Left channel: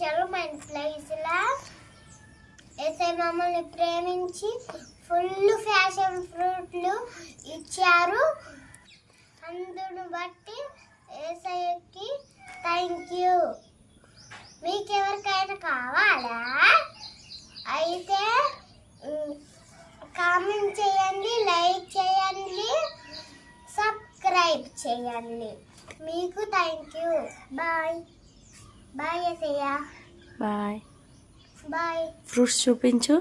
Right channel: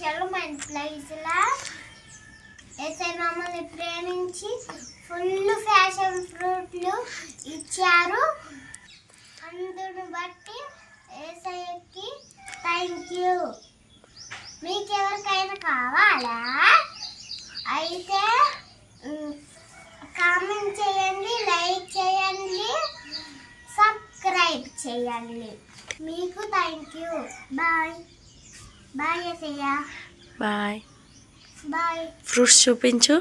Settlement ప్లేస్లా ఏసై మమ్మల్ని ప్రేమించి ఫుల్ ఫ్యాషన్ ఫ్రూట్లు ఇచ్చారు. అందును బట్టి ఏసైకి థ్యాంక్ యూ. మీకు ఎవరికైనా కావాలా అయితే కామెంట్ చేయండి, లైక్ చేయండి, సబ్స్క్రైబ్ చేయండి. మీకు thank you. Bye bye Yesayya. Bye. Bye. Fruits చూపించు.